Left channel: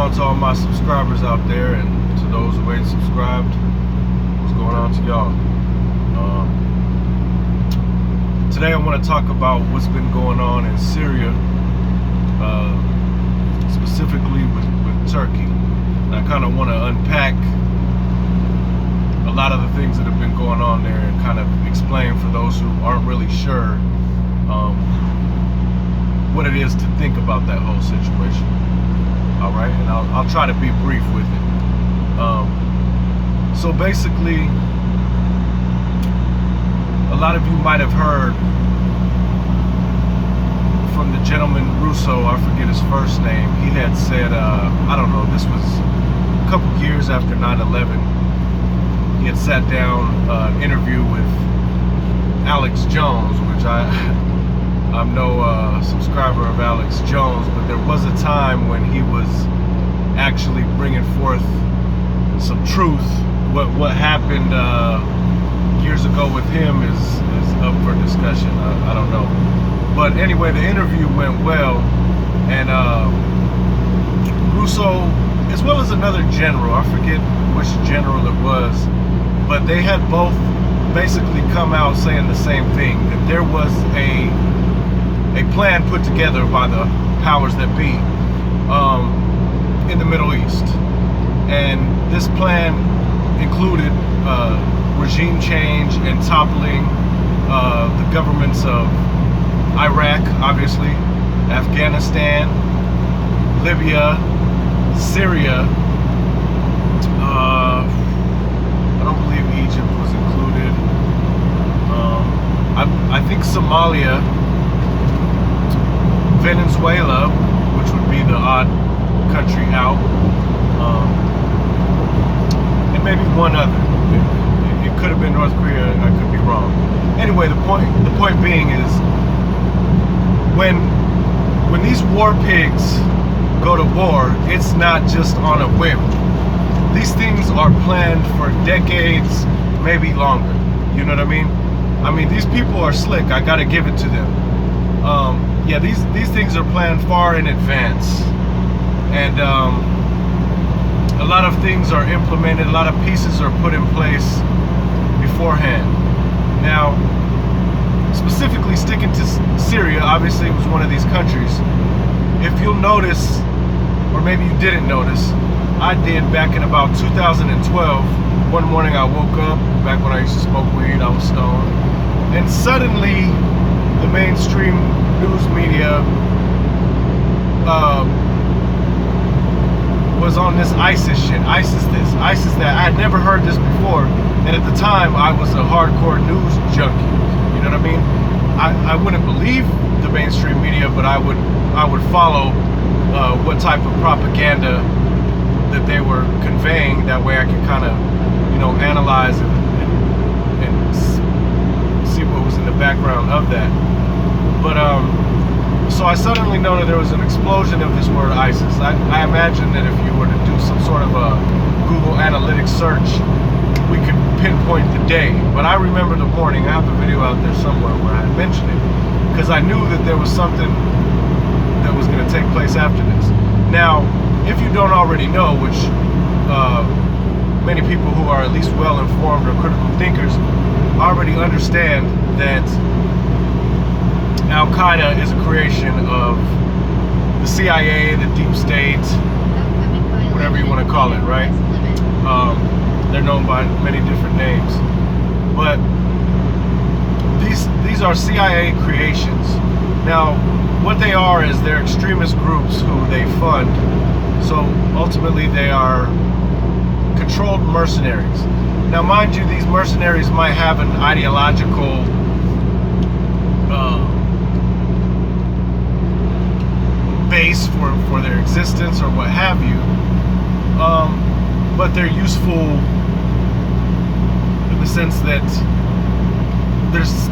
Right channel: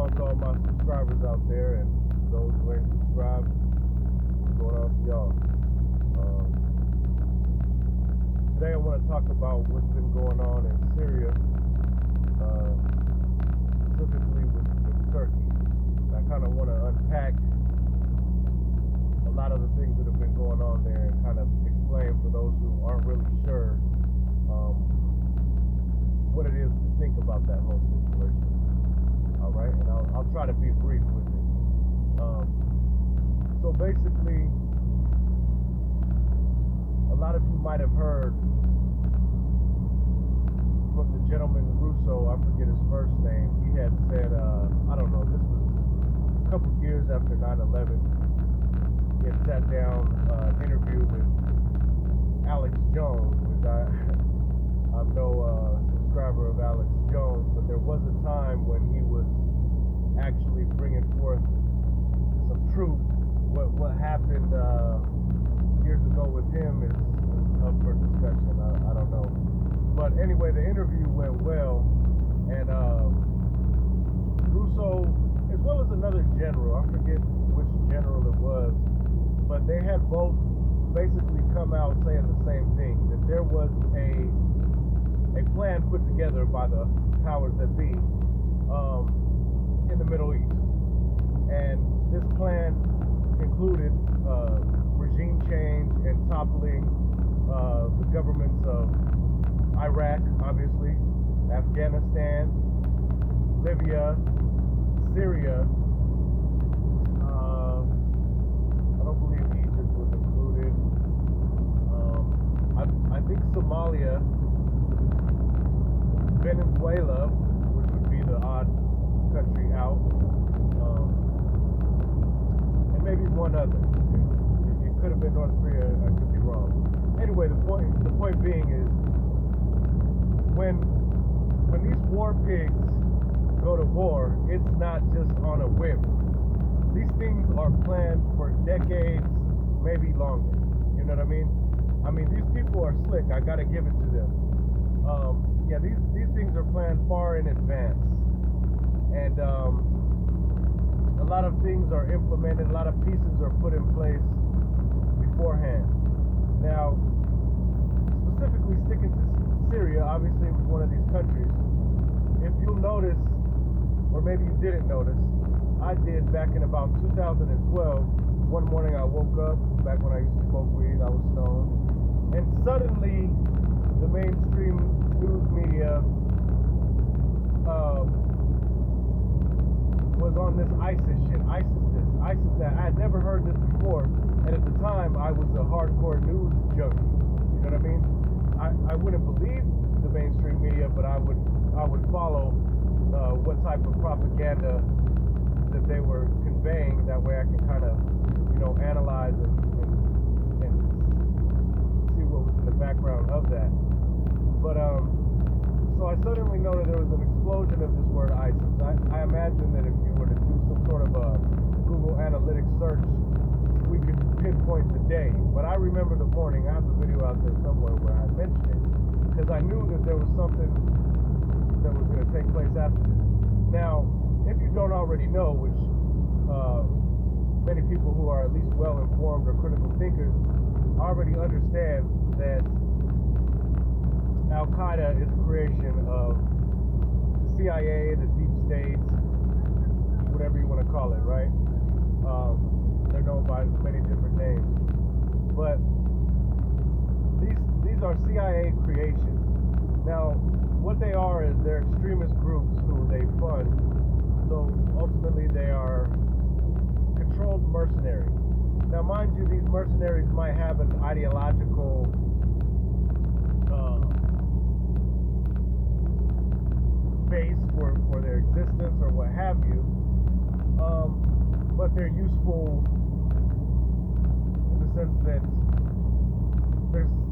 on to all my subscribers out there, and to those who ain't subscribed, what's going on to y'all? Today I want to talk about what's been going on in Syria, specifically with Turkey. And I kind of want to unpack a lot of the things that have been going on there and kind of explain for those who aren't really sure what it is to think about that whole situation. All right, and I'll try to be brief with it. So basically, a lot of you might have heard from the gentleman Russo, I forget his first name. He had said, I don't know, this was a couple years after 9/11. He had sat down an interview with Alex Jones, which I'm no subscriber of Alex Jones, but there was a time when he was actually bringing forth some truth. What happened years ago with him is up for discussion. I don't know. But anyway, the interview went well, and Russo, as well as another general, I forget which general it was, but they had both basically come out saying the same thing, that there was a plan put together by the powers that be in the Middle East. And this plan included regime change and toppling the governments of Iraq, obviously, Afghanistan, Libya, Syria. I don't believe Egypt was included. I think Somalia, Venezuela, which would be the odd country out, and maybe one other. It could have been North Korea. I could be wrong. Anyway, the point being is, when these war pigs go to war, it's not just on a whim. These things are planned for decades, maybe longer. You know what I mean? I mean, these people are slick. I gotta give it to them. Yeah, these things are planned far in advance, and a lot of things are implemented. A lot of pieces are put in place beforehand. Now, specifically sticking to Syria, obviously it was one of these countries. If you'll notice, or maybe you didn't notice, I did back in about 2012. One morning I woke up, back when I used to smoke weed, I was stoned, and suddenly the mainstream news media was on this ISIS shit, ISIS this, ISIS that. I had never heard this before, and at the time I was a hardcore news junkie. You know what I mean? I wouldn't believe the mainstream media, but I would follow what type of propaganda that they were conveying. That way I could kind of, analyze and see what was in the background of that. But so I suddenly noted there was an explosion of this word ISIS. I imagine that if you were to do some sort of a Google Analytics search, we could pinpoint the day. But I remember the morning. I have a video out there somewhere where I mentioned it, because I knew that there was something that was going to take place after this. Now, if you don't already know, which many people who are at least well informed or critical thinkers already understand, that Al-Qaeda is a creation of the CIA, the deep state, whatever you want to call it, right? They're known by many different names, but these are CIA creations. Now, what they are is they're extremist groups who they fund. So ultimately, they are controlled mercenaries. Now, mind you, these mercenaries might have an ideological base for their existence or what have you, but they're useful in the sense that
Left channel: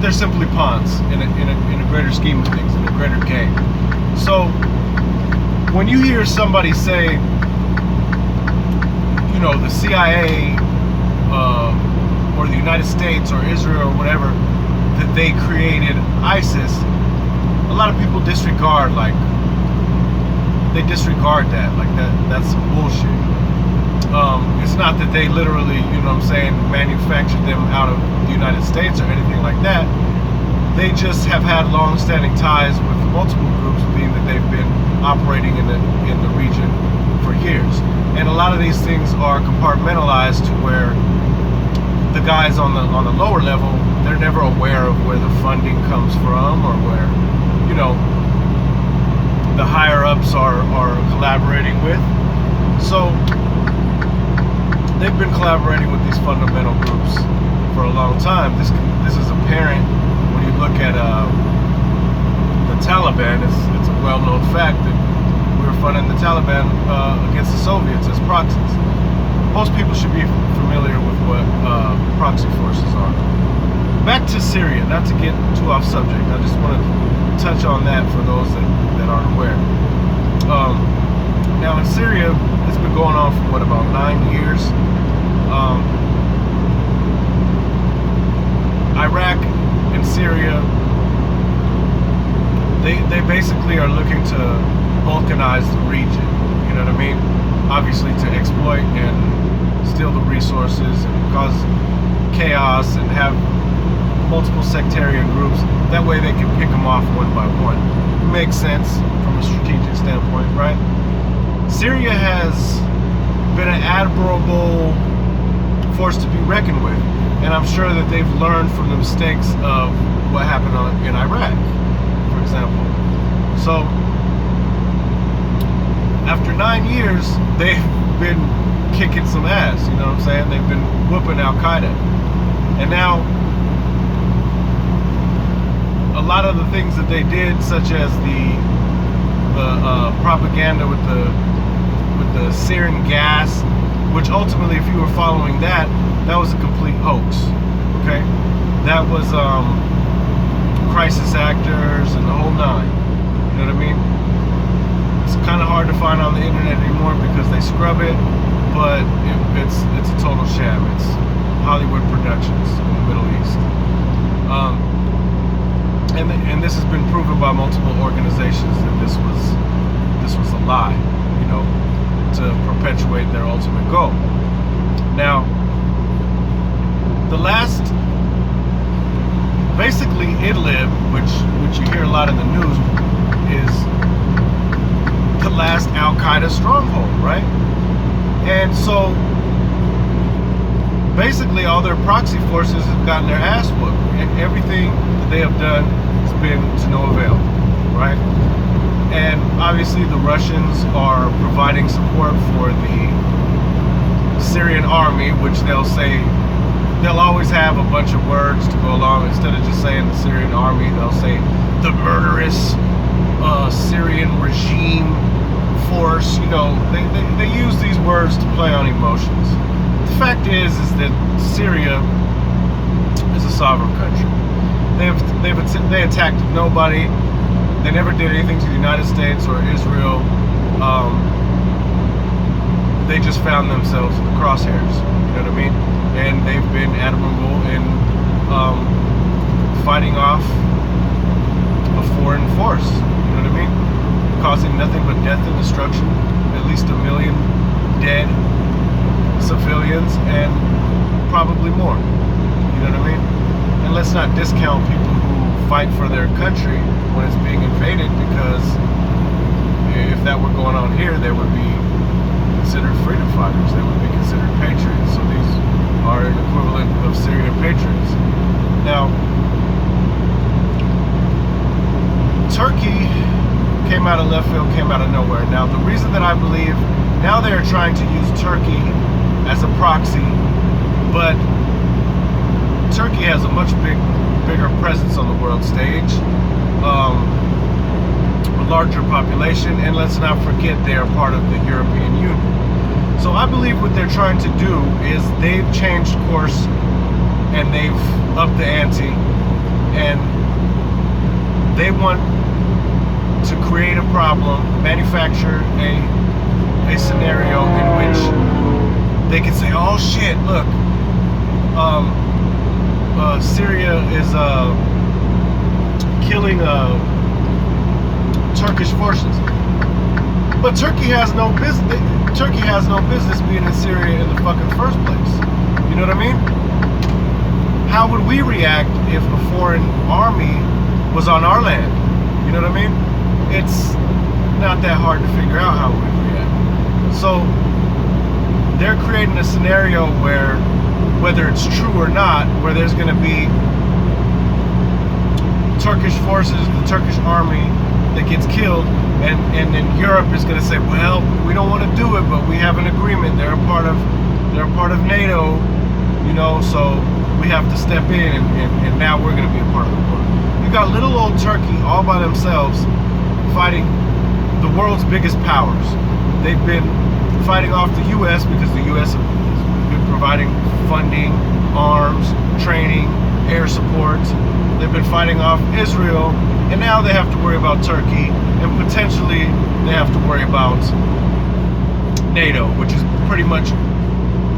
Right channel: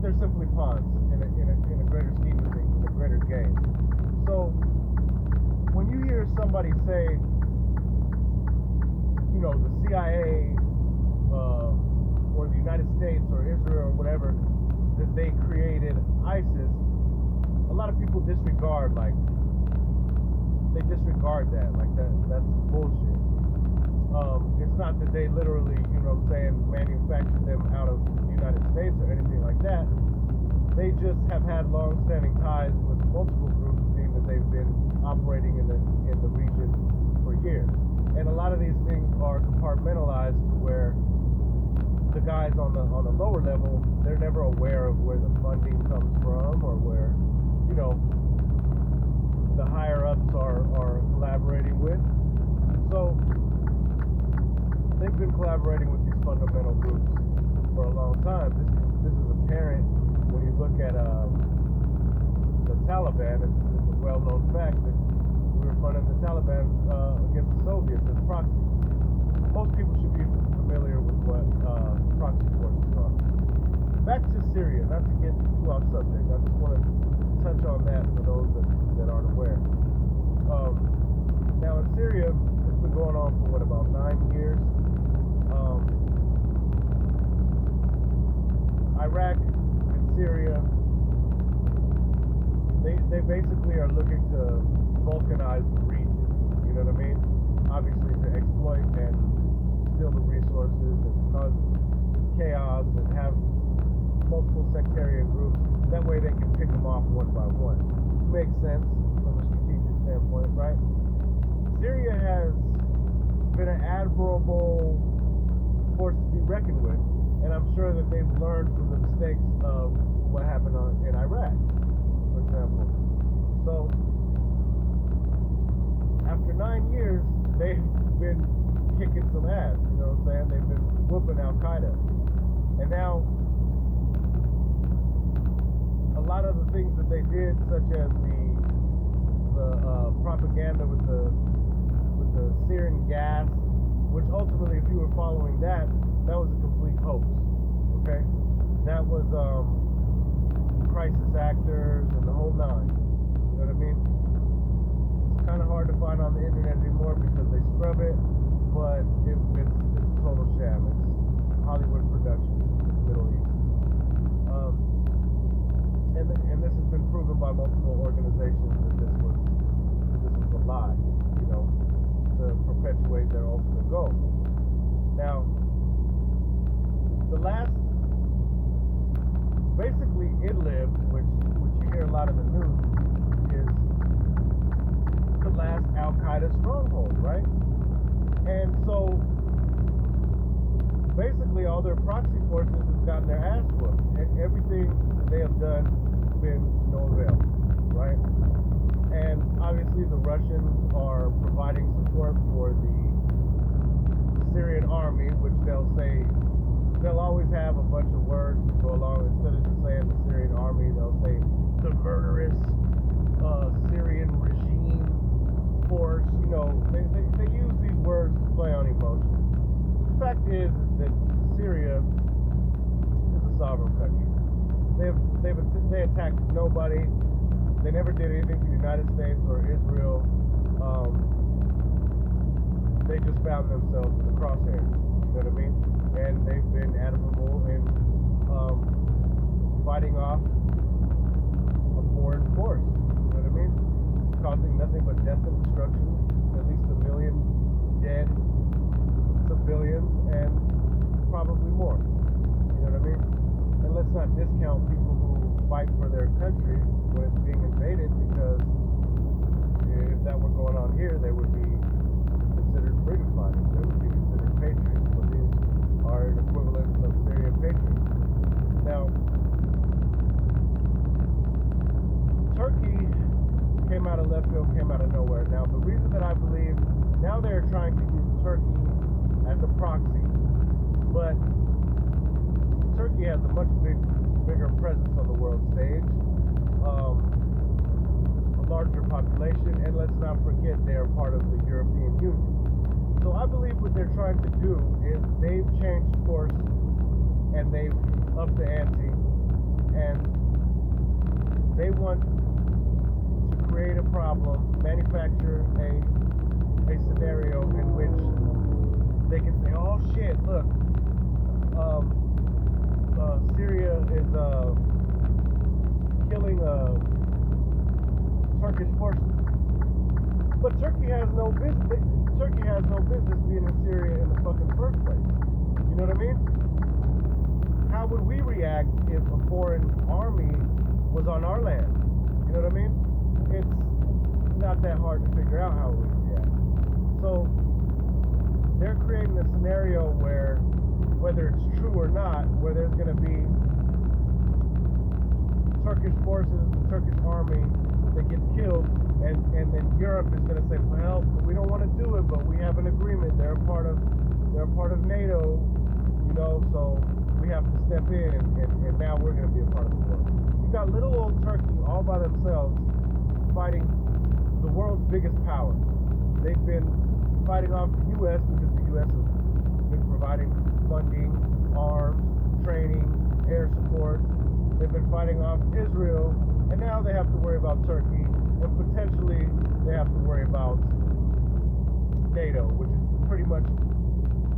they're simply pawns in a greater scheme of things, in a greater game. So when you hear somebody say, the CIA or the United States or Israel or whatever, that they created ISIS, a lot of people disregard, like, they disregard that. Like that's some bullshit. It's not that they literally, you know what I'm saying, manufactured them out of the United States or anything like that. They just have had long-standing ties with multiple groups, being that they've been operating in the region for years. And a lot of these things are compartmentalized to where the guys on the lower level, they're never aware of where the funding comes from, or where, you know, the higher ups are collaborating with. So they've been collaborating with these fundamental groups for a long time. This is apparent when you look at the Taliban. It's a well-known fact that we were funding the Taliban against the Soviets as proxies. Most people should be familiar with what proxy forces are. Back to Syria, not to get too off subject. I just want to touch on that for those that aren't aware. Now in Syria, it's been going on for what, about 9 years. Iraq and Syria, they basically are looking to balkanize the region. You know what I mean? Obviously to exploit and steal the resources and cause chaos and have multiple sectarian groups. That way they can pick them off one by one. Makes sense from a strategic standpoint, right? Syria has been an admirable force to be reckoned with, and I'm sure that they've learned from the mistakes of what happened in Iraq, for example. So after 9 years, they've been kicking some ass, you know what I'm saying? They've been whooping Al-Qaeda. And now a lot of the things that they did, such as the propaganda with the Syrian gas, which ultimately, if you were following that was a complete hoax. Okay, that was crisis actors and the whole nine. You know what I mean? It's kind of hard to find on the internet anymore because they scrub it, but it's a total sham. It's Hollywood productions in the Middle East. And this has been proven by multiple organizations that this was a lie, you know, to perpetuate their ultimate goal. Now, basically Idlib, which you hear a lot in the news, is the last Al-Qaeda stronghold, right? And so basically all their proxy forces have gotten their ass whooped, and everything that they have done has been to no avail, right? And obviously the Russians are providing support for the Syrian army, which they'll always have a bunch of words to go along. Instead of just saying the Syrian army, they'll say the murderous Syrian regime force. You know, they use these words to play on emotions. The fact is that Syria is a sovereign country. They attacked nobody. They never did anything to the United States or Israel. They just found themselves in the crosshairs. You know what I mean? And they've been admirable in fighting off a foreign force. You know what I mean? Causing nothing but death and destruction. At least 1 million dead civilians and probably more. You know what I mean? And let's not discount people who fight for their country when it's being invaded, because if that were going on here, they would be considered freedom fighters. They would be considered patriots. So these are an equivalent of Syrian patriots. Now, Turkey came out of left field, came out of nowhere. Now, the reason that I believe now they are trying to use Turkey as a proxy, but Turkey has a much bigger presence on the world stage, a larger population, and let's not forget they are part of the European Union. So I believe what they're trying to do is they've changed course and they've upped the ante, and they want to create a problem, manufacture a scenario in which they can say, oh shit, look, Syria is killing Turkish forces. But Turkey has no business. Turkey has no business being in Syria in the fucking first place. You know what I mean? How would we react if a foreign army was on our land? You know what I mean? It's not that hard to figure out how we would react. So they're creating a scenario where, whether it's true or not, where there's going to be Turkish forces, the Turkish army that gets killed, and then Europe is going to say, well, we don't want to do it, but we have an agreement. They're a part of NATO, you know, so we have to step in, and now we're going to be a part of the war. You got little old Turkey all by themselves fighting the world's biggest powers. They've been fighting off the U.S. because the U.S. has been providing funding, arms, training, air support. They've been fighting off Israel, and now they have to worry about Turkey, and potentially they have to worry about NATO, which is pretty much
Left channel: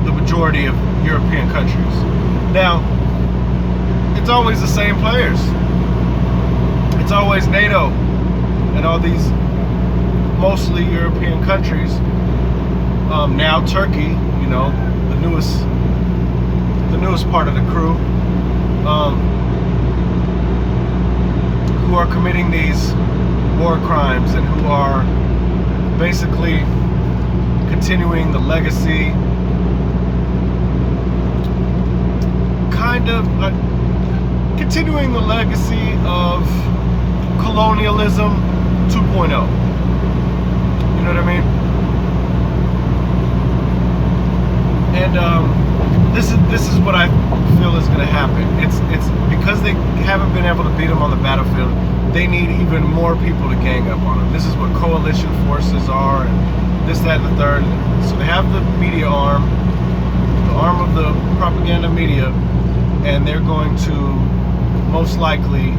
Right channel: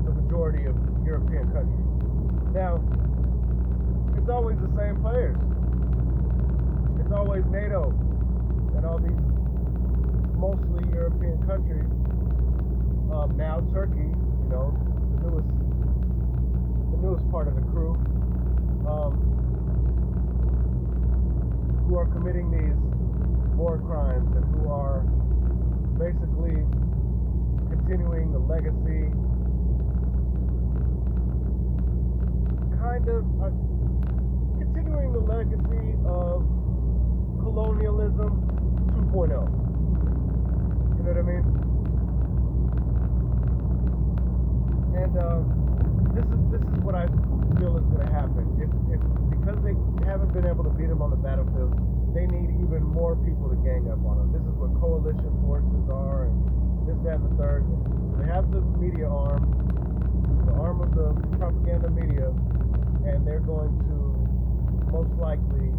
the majority of European countries. Now, it's always the same players. It's always NATO and all these mostly European countries. Now Turkey, you know, the newest part of the crew, who are committing these war crimes and who are basically continuing the legacy, continuing the legacy of colonialism 2.0. You know what I mean? And this is what I feel is going to happen. It's because they haven't been able to beat them on the battlefield. They need even more people to gang up on them. This is what coalition forces are, and this, that, and the third. So they have the media arm, the arm of the propaganda media, and they're going to most likely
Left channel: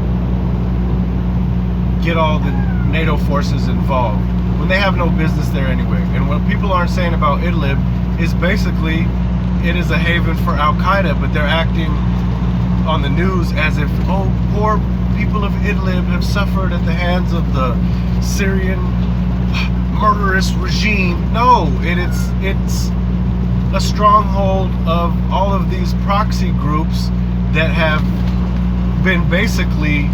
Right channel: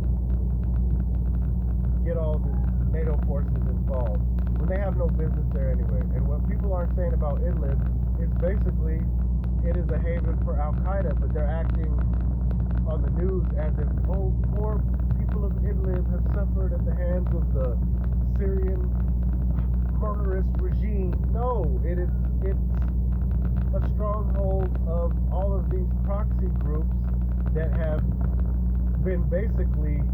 get all the NATO forces involved when they have no business there anyway. And what people aren't saying about Idlib is basically it is a haven for Al-Qaeda, but they're acting on the news as if, oh, poor people of Idlib have suffered at the hands of the Syrian murderous regime. No, it's a stronghold of all of these proxy groups that have been basically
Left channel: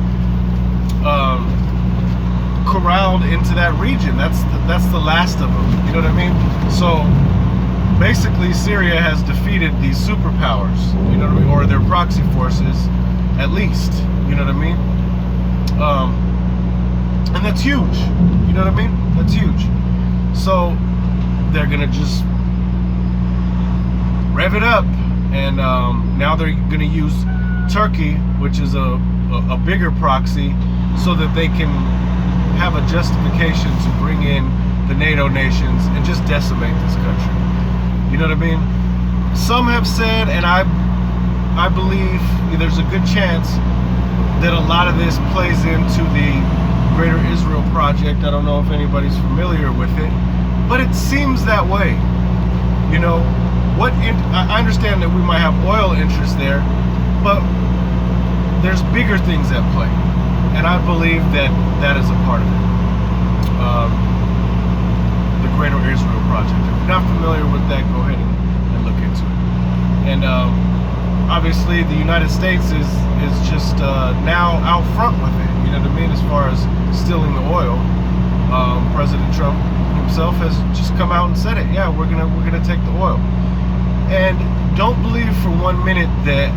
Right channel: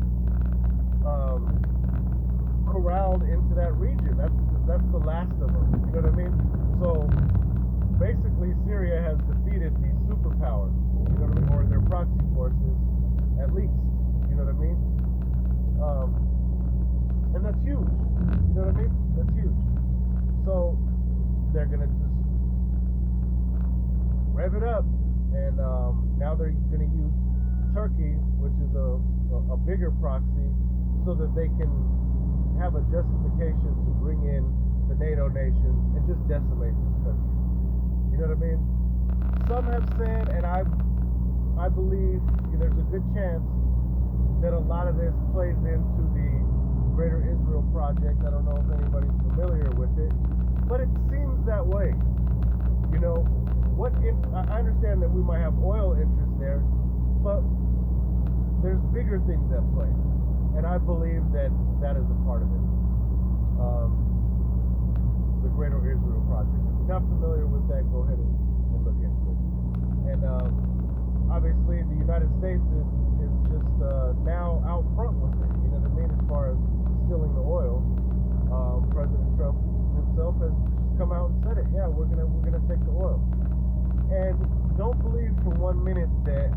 corralled into that region. That's the last of them. You know what I mean? So basically, Syria has defeated these superpowers. You know what I mean? Or their proxy forces, at least. You know what I mean? And that's huge. You know what I mean? That's huge. So they're gonna just rev it up, and now they're gonna use Turkey, which is a bigger proxy, so that they can have a justification to bring in the NATO nations and just decimate this country. You know what I mean? Some have said, and I believe there's a good chance that a lot of this plays into the Greater Israel Project. I don't know if anybody's familiar with it, but it seems that way. You know, I understand that we might have oil interests there, but there's bigger things at play, and I believe that that is a part of it. The Greater Israel Project. If you're not familiar with that, go ahead and look into it. And obviously, the United States is just now out front with it. You know what I mean? As far as stealing the oil, President Trump himself has just come out and said it. Yeah, we're gonna take the oil. And don't believe for 1 minute that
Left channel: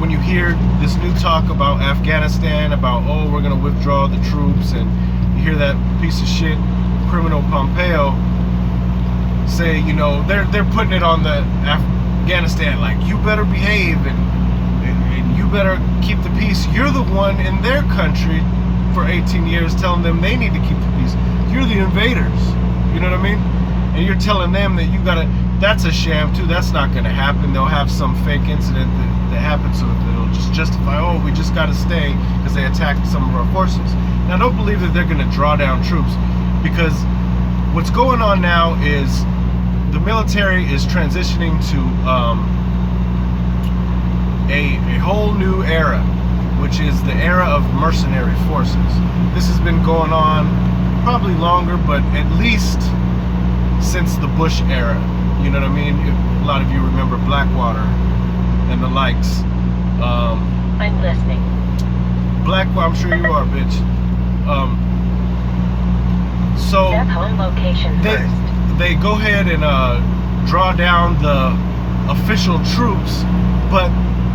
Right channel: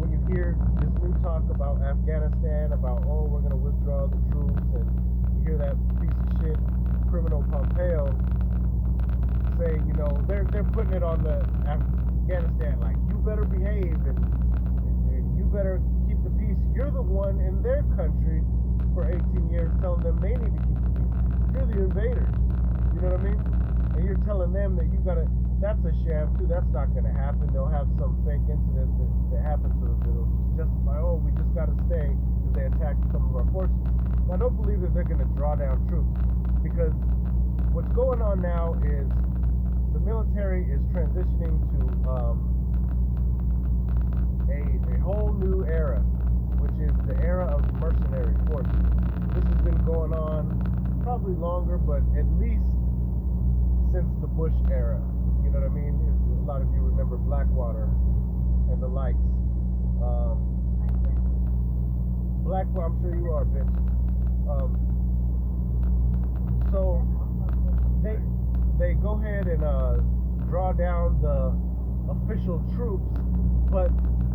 when you hear this new talk about Afghanistan, about, oh, we're gonna withdraw the troops, and you hear that piece of shit criminal Pompeo say, you know, they're putting it on the Afghanistan, like, you better behave and you better keep the peace. You're the one in their country for 18 years telling them they need to keep the peace. You're the invaders. You know what I mean? And you're telling them that you gotta, that's a sham too. That's not gonna happen. They'll have some fake incident that happens so that it'll just justify, oh, we just gotta stay because they attacked some of our forces. Now, don't believe that they're gonna draw down troops, because what's going on now is the military is transitioning to a whole new era, which is the era of mercenary forces. This has been going on probably longer, but at least since the Bush era. You know what I mean? A lot of you remember Blackwater and the likes. I'm listening. Blackwater, I'm sure you are, bitch. So Set home location first. they go ahead and draw down the official troops, but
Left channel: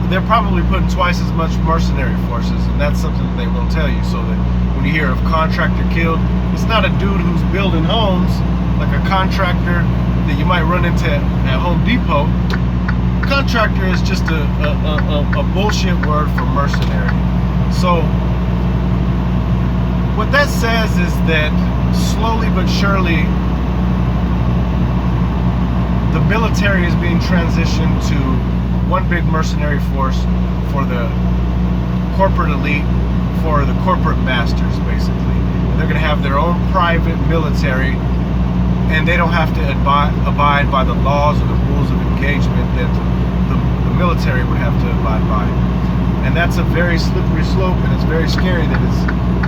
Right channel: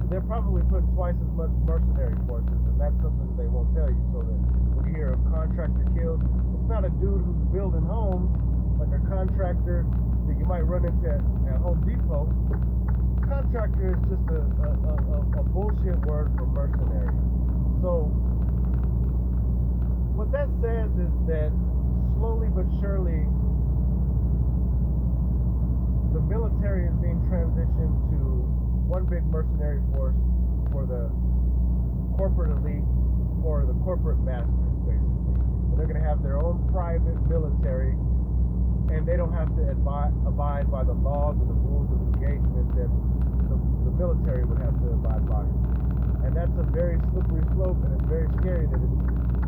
they're probably putting twice as much mercenary forces, and that's something that they won't tell you. So that when you hear of contractor killed, it's not a dude who's building homes like a contractor that you might run into at Home Depot. Contractor is just a bullshit word for mercenary. So what that says is that slowly but surely the military is being transitioned to one big mercenary force for the corporate elite, for the corporate masters, basically. And they're going to have their own private military, and they don't have to abide by the laws or the rules of engagement that the military would have to abide by. And that's a very slippery slope, and it's very scary that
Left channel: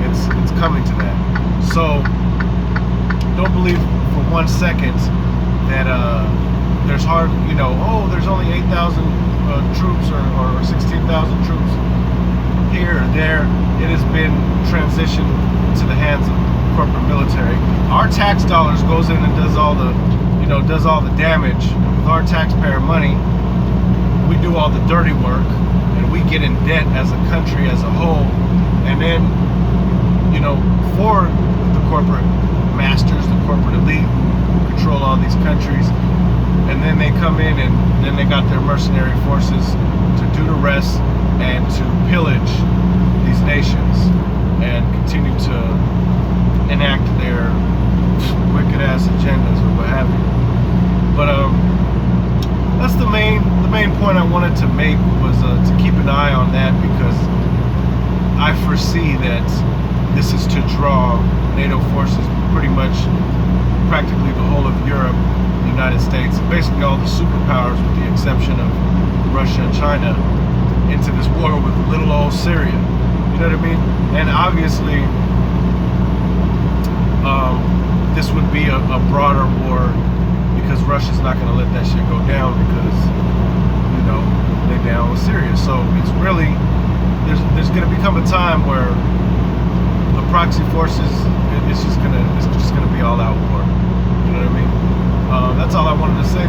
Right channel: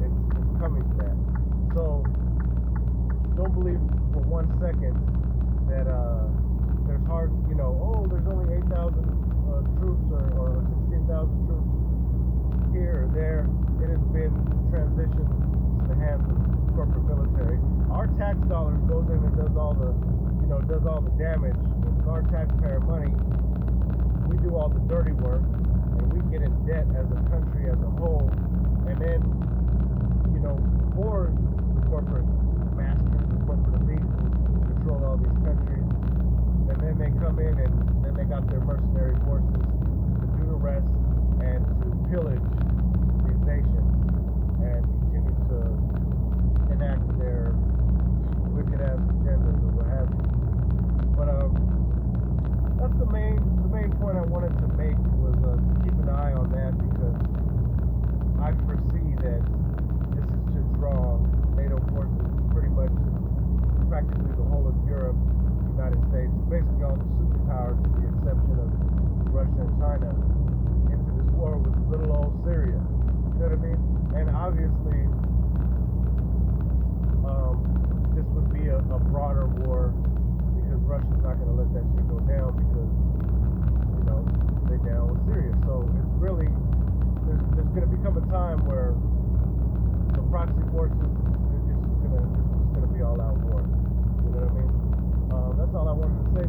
it's coming to that. So don't believe for 1 second that there's there's only 8,000 troops or 16,000 troops here or there. It has been transitioned to the hands of corporate military. Our tax dollars goes in and does all the damage. With our taxpayer money, we do all the dirty work, and we get in debt as a country as a whole. And then, for the corporate masters, the corporate elite who control all these countries, and then they come in and then they got their mercenary forces to do the rest and to pillage these nations and continue to enact their wicked ass agendas or what have you. But that's the main point I wanted to make, was to keep an eye on that, because I foresee that this is to draw NATO forces, pretty much practically the whole of Europe, the United States, basically all the superpowers with the exception of Russia and China, into this war with little old Syria. You know what I mean? And obviously this would be a broader war, because Russia's not going to let that shit go down, because they're down with Syria. So it's really, there's going to become a time where the proxy forces, it's just gonna be all out war. You know what I mean? That's all I wanted to say.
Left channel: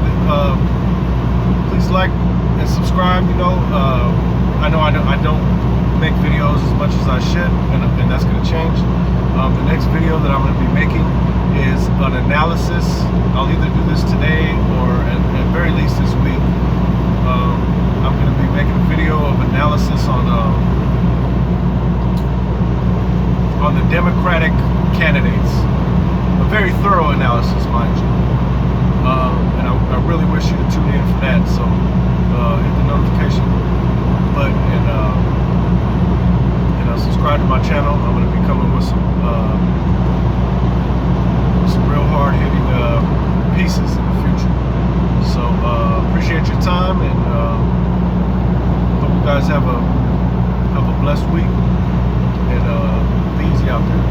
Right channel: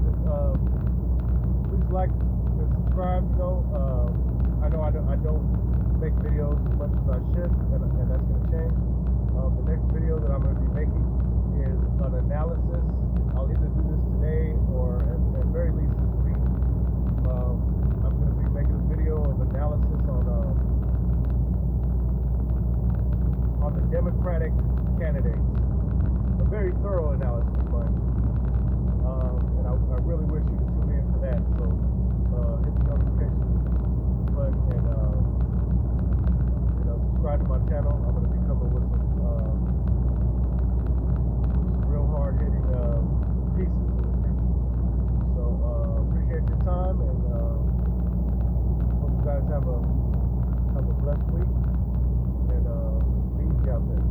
Please like and subscribe. I know I don't make videos as much as I should, and that's gonna change. The next video that I'm gonna be making is an analysis. I'll either do this today or at very least this week. I'm gonna be making a video of analysis on the Democratic candidates. A very thorough analysis, mind you. And I really wish you to tune in for that. So hit the notification button and subscribe to my channel. I'm going to be coming with some real hard-hitting pieces in the future. So appreciate your time, and hope you guys have a blessed week, and be easy out there.